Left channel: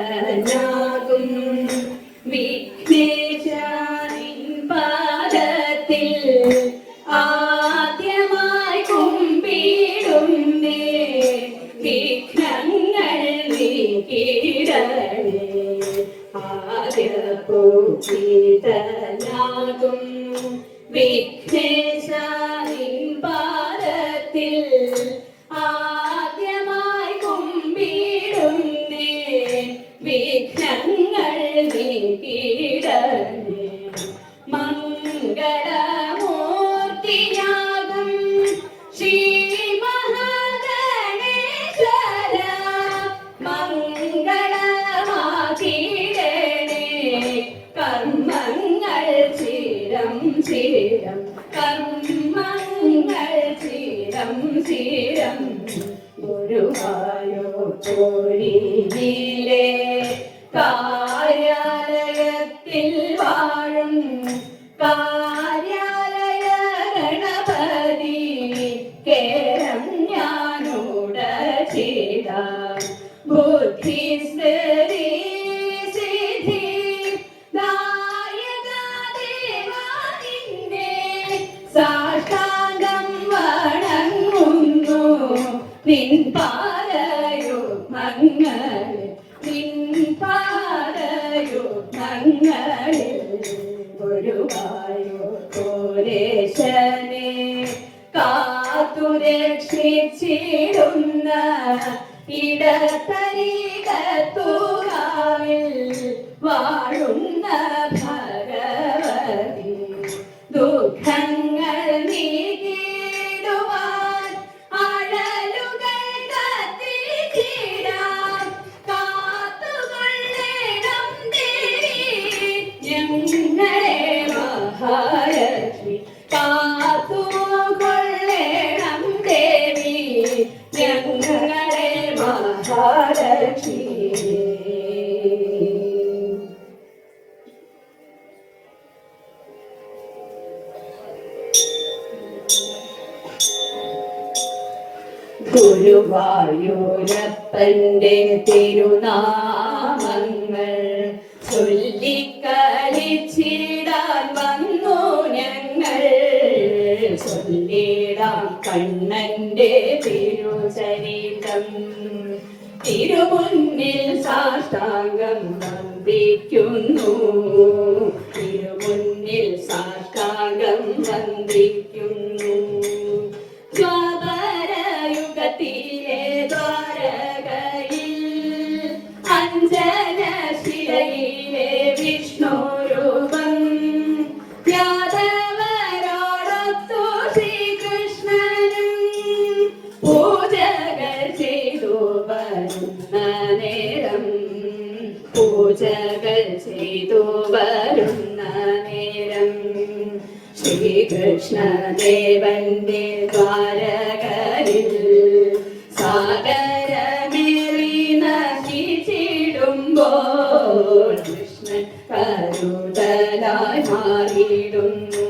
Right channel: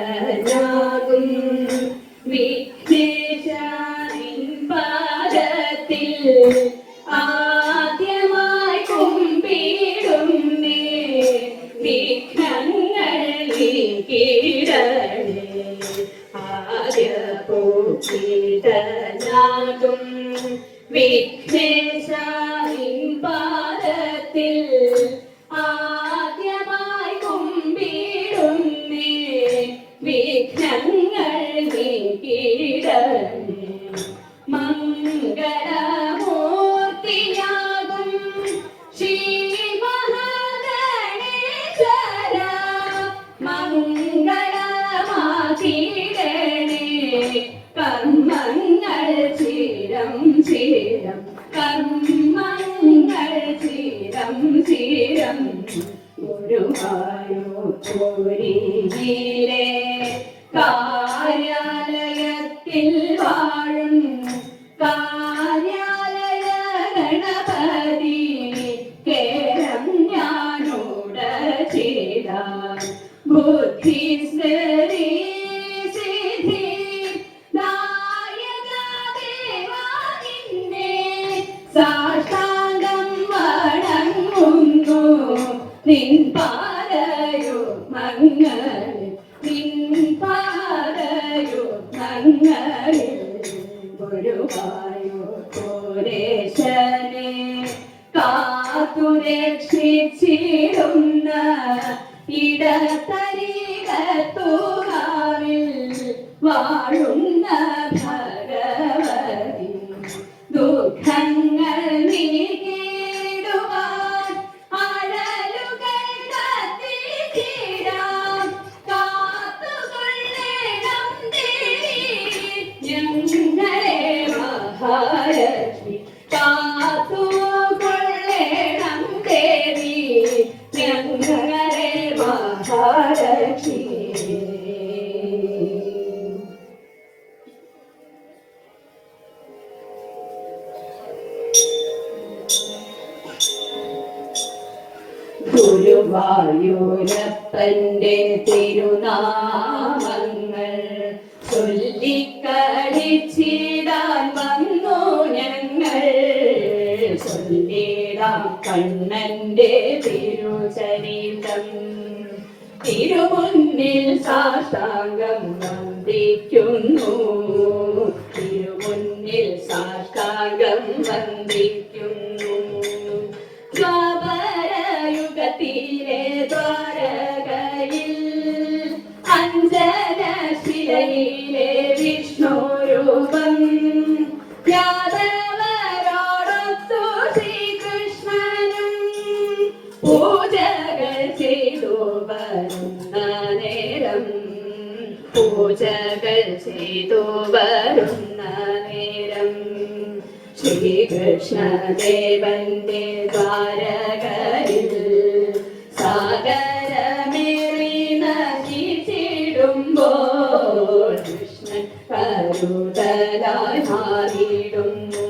ആദ്യപൂജിതനാകും വിഘ്നേശാനിൻ പാദത്തിൽ ആദ്യമായി കുമ്പിടുന്നേ വിഘ്നങ്ങൾ നീക്കിടണേ. ആദ്യപൂജിതനാകും വിഘ്നേശാനിൻ പാദത്തിൽ ആദ്യമായി കുമ്പിടുന്നേ വിഘ്നങ്ങൾ നീക്കിടണേ. മംഗളമൂർത്തിയാകും ശ്രീ മഹാഗണേശ്വര മംഗളമാക്കിടണേ. കർമ്മങ്ങൾ ചിരം ചിരം കർമ്മങ്ങൾ ചിരം ചിരം ഗുരുവായൂരിലെ കാര്യാലയത്തിൽ വാഴും കാര്യാലയ ഗണപതി കേരം ഞാനോട ചെയ്ത ബുദ്ധി സിദ്ധി നായക ദേവാനിന്നെ സാഷ്ടാംഗം വണങ്ങുന്നു നിൻ പാദയുഗ്മങ്ങളിൽ നിൻ പാദയുഗ്മങ്ങളിൽ ഗുരുവായൂരേശനെ കാത്തുരക്ഷിച്ചിടുന്ന ഇടത്തരികത്തുകാവിൽ വാഴുന്ന ഭഗവതി ദുഃഖങ്ങൾ നീക്കിടുവാൻ അഴലുകൾ കത്തിച്ചിടാം കാത്തുകൊള്ളേണം ദേവി ഞങ്ങളെ മഹാലക്ഷ്മി കാത്തുകൊള്ളേണം ദേവി ഞങ്ങളെ മഹാലക്ഷ്മി. ഗുരുവായൂരപ്പന്റെ തിരുനാമങ്ങൾ ചൊല്ലിക്കളിച്ചിടാൻ വന്നു ഞങ്ങൾ. ചൊല്ലിടാം കണ്ണന്റെ തിരുചരിതം തിരുമുന്നിൽ സാഷ്ടാംഗം വന്ദിക്കുന്നു. തിരുമുന്നിൽ സാഷ്ടാംഗം വന്ദിക്കുന്നു. ദ്വാപരയുഗത്തിലെ ദ്വാരകയിൽ അഞ്ജനശിലയിലെ വിഷ്ണു രൂപം യാദവരോടൊത്തു ശ്രീകൃഷ്ണനും പൂജകൾ ചെയ്തു വരുന്ന നേരം പൂജകൾ ചെയ്തു വരുന്ന നേരം ശ്രീകൃഷ്ണദേവന്റെ ദ്വാരകയിൽ സാഗരമേറി നശിച്ചിടുമ്പോൾ കൃഷ്ണൻ കരുതലായി മാറിയിടുന്നു.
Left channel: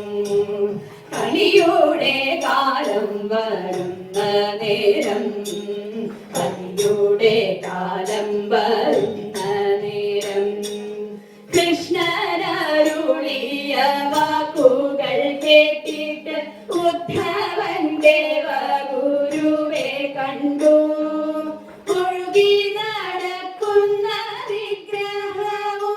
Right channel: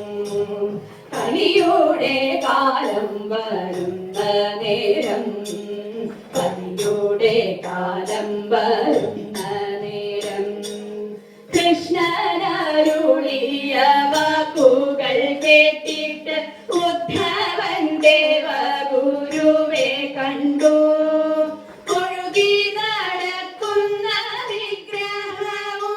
കലിയുടെ കാലം വരുന്ന നേരം കലിയുടെ കാലം വരുന്ന നേരം കൃഷ്ണനരുളിയ വാക്കുകൾ കേട്ടിട്ട് ഉദ്ധവൻ ദേവഗുരുവെ കണ്ടു. ഒഴുകി നടക്കുന്ന വിഗ്രഹവുമായി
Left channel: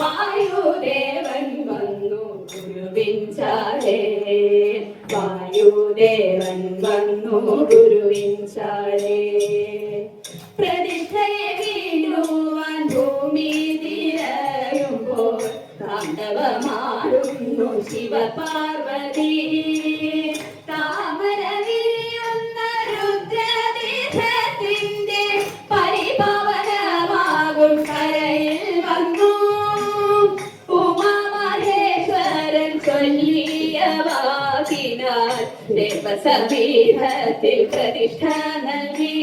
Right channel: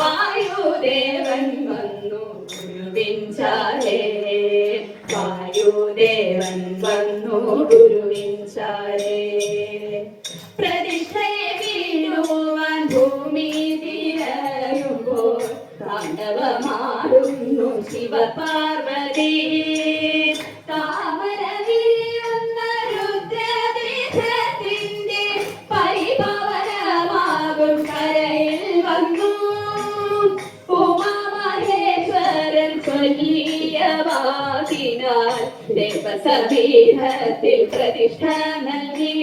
വായുദേവൻ വന്നു ഗുരുവിൻചാലേ. വായുദേവൻ വന്നു ഗുരുവിൻചാലേ. പ്രതിഷ്ഠയെ വീഴുവാൻ ഭൂമി തിരയുമ്പോൾ താണ്ഡവമാടുന്നു ശിവപാർവതി. താമര വിരിയുന്ന രുദ്രതീർത്ഥത്തിന്റെ പരിപാവനമാകും കരയിൽ വന്നു ഉമാമഹേശ്വരൻ ചൊല്ലിയ വാക്കിനാൽ ദേവസപീഠത്തിൽ പ്രതിഷ്ഠ നൽകി.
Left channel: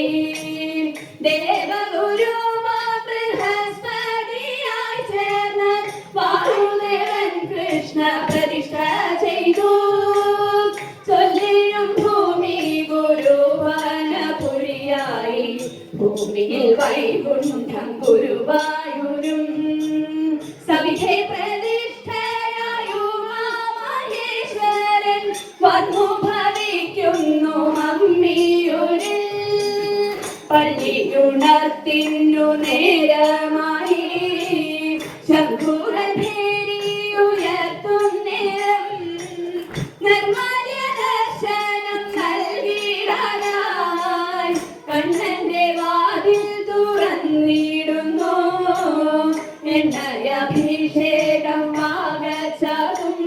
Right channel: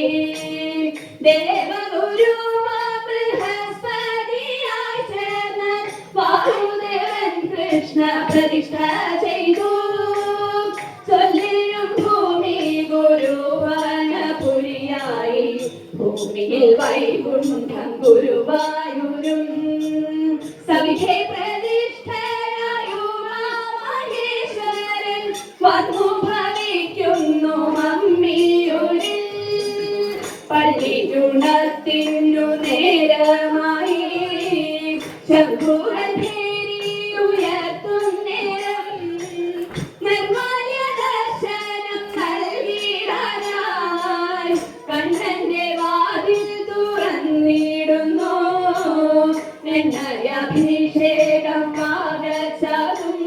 ദേവഗുരു ബൃഹസ്പതിയായി ചേർന്ന് വാസുദേവൻ കൃഷ്ണ പ്രതിഷ്ഠ ചെയ്തു. ചൊല്ലിയും ഭൂമി ഗുരുവായൂർ ഭൂമിയിൽ വൈകുണ്ഠം ഗുരുവായൂരും സവിധേ പ്രതിഷ്ഠയായുമാമഹേശ്വരൻ വന്നു ഭവിക്കുന്നു അമ്മിയൂരിൽ. പള്ളിയുണർത്തിന്നു നേരമായി ശംഖുരഭേരിയുയർത്തും നേരം നിർമ്മാല്യ ദർശനം നൽകിടാനായി കണ്ണന്റെ വാതിൽ തുറന്നിടുന്നു. എണ്ണയഭിഷേകം ആകച്ചതും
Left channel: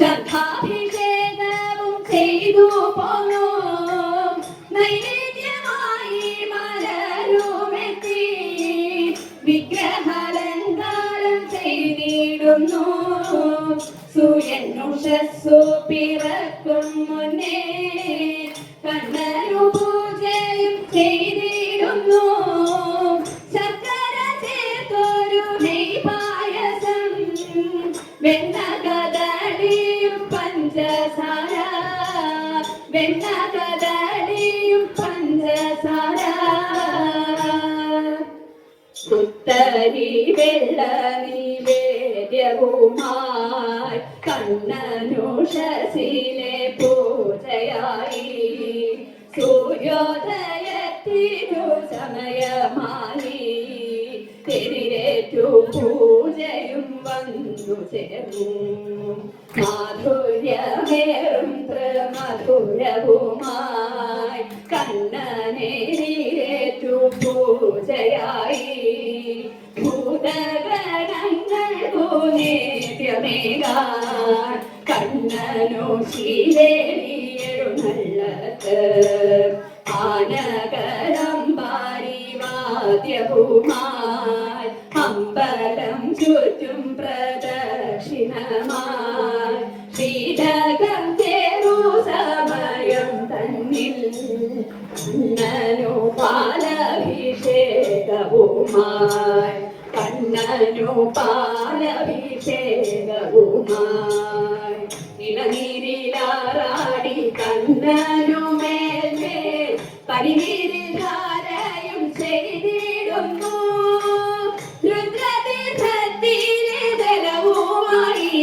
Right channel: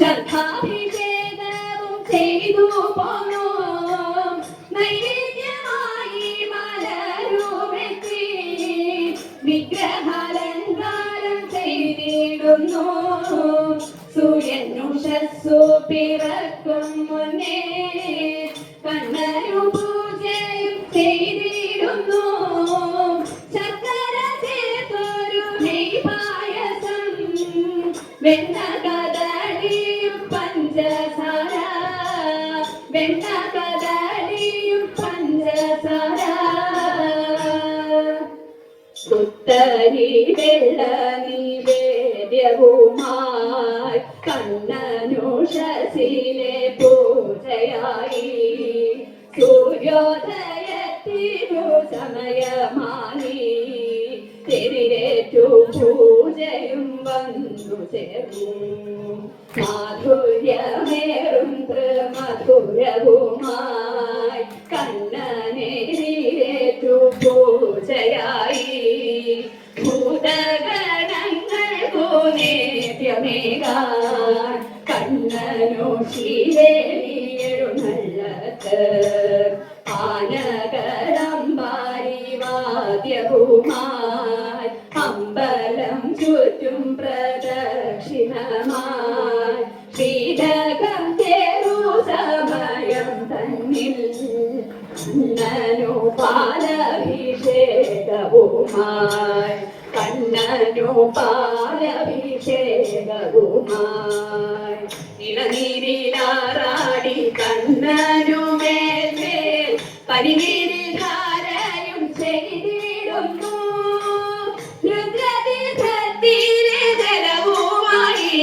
ശംഖാഭിഷേകവും ചെയ്തു പോന്നു. നൈവേദ്യമായി മലരുമെത്തി വിഗ്രഹാലങ്കാരം ചെയ്തിടുന്നു. സൂര്യനുഷസ്സു പിറക്കും മുന്നേ കണ്ണനു പൂജയും ചെയ്തിടുന്നു. ശർക്കര ചേർത്തൊരു നെയ്പായസം വെണ്ണ കദളിയും പഞ്ചസാര വെണ്ണ കദളിയും പഞ്ചസാര പുത്തരി വെള്ള നിവേദ്യവുമായി കണ്ണനുഷസിലെ പൂജയായി. സൂര്യോദയത്തിനു സമയമായി തിരിരേറ്റു പൂജയും വന്നു ചേർന്നു. മാധുര്യമേറും മധുരവുമായി കണ്ണനേറ്റു പൂജയായി. ഭൂതഗണങ്ങൾ പൂനേദ്യമേകാൻ കണ്ണനു ശീലേഴുന്നള്ളത്ത്. ആനകരമ്പാരി വാദ്യവുമായി അമ്പലം ചുറ്റും പ്രദക്ഷിണമായി. ശ്രീരകം ചേരു സമയം തന്നിൽ കണ്ണനു പാലഭിഷേകവുമായി കണ്ണനു പാലഭിഷേകവുമായി. ഇളനീരിലാറാടി കണ്ണനു മേൽമേൽ പരിനീരിൽ ധാരയും ചെയ്തിടുന്നു. രുദ്രതീർത്ഥത്തിലെ ജലവുമായി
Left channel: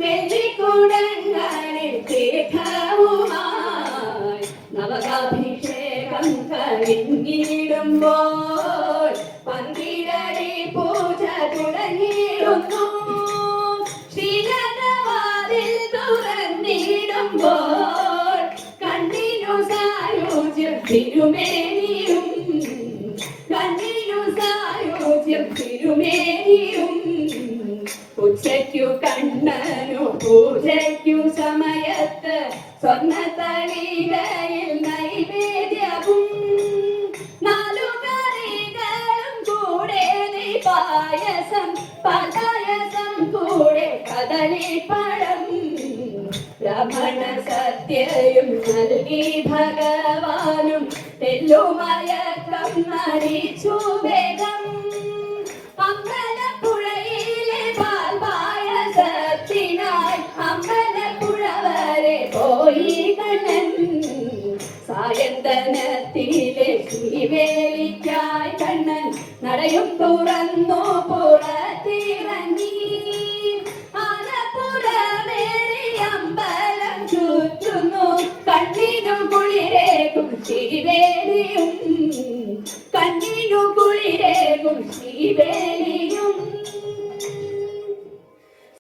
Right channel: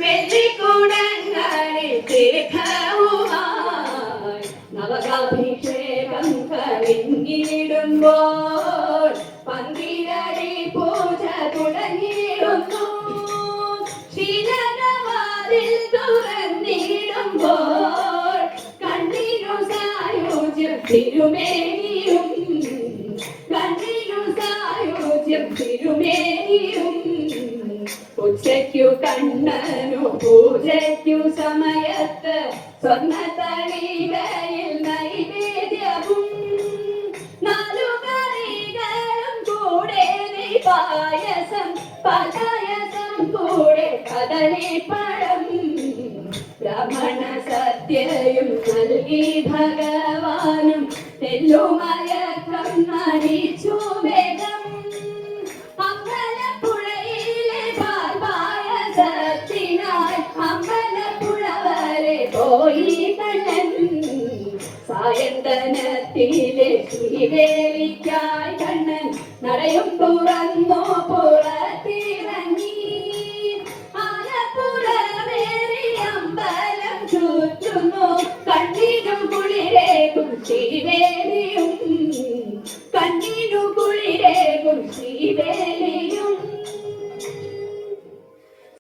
വെള്ളിക്കുടങ്ങളിൽ തീർത്ഥവുമായി നവകാഭിഷേകം കഴിഞ്ഞിടുമ്പോൾ പന്തിരടി പൂജ തുടങ്ങിയിടുന്നു. ശ്രീനഗരവാതിൽ തുറന്നിടുമ്പോൾ കണ്ണിനു സായുജ്യം തിരുമേനിയും കണ്ണിനു സായുജ്യം തിരുമേനിയും. ഉച്ചയ്ക്കു കണ്ണനു പൂജയ്ക്കു സമയത്ത് സ്വർണ്ണത്തളികയിൽ നൈവേദ്യവും നാലു കറികളും കൂടെ പായസം പായസം കൂടെ കദളിപ്പഴം. ബ്രാഹ്മണ സത്യയും നൽകി ഭഗവാനും തെല്ലുമയക്കം മരിച്ചു വേഗം. അമ്പലപ്പുഴയിലെ പായസത്തിനായി അമ്പലപ്പുഴ വരെ പോയി കണ്ണൻ. സായന്തനത്തിലെ ശ്രീവേലിക്കായി കണ്ണൻ നടയും തുറന്നു പുറത്തിറങ്ങി. ആലപ്പുഴമേറി അമ്പലം ചുറ്റുന്നു കണ്ണിനു കുളിരേകും ശ്രീവേലിയും കണ്ണിനു കുളിരേകും ശ്രീവേലിയും.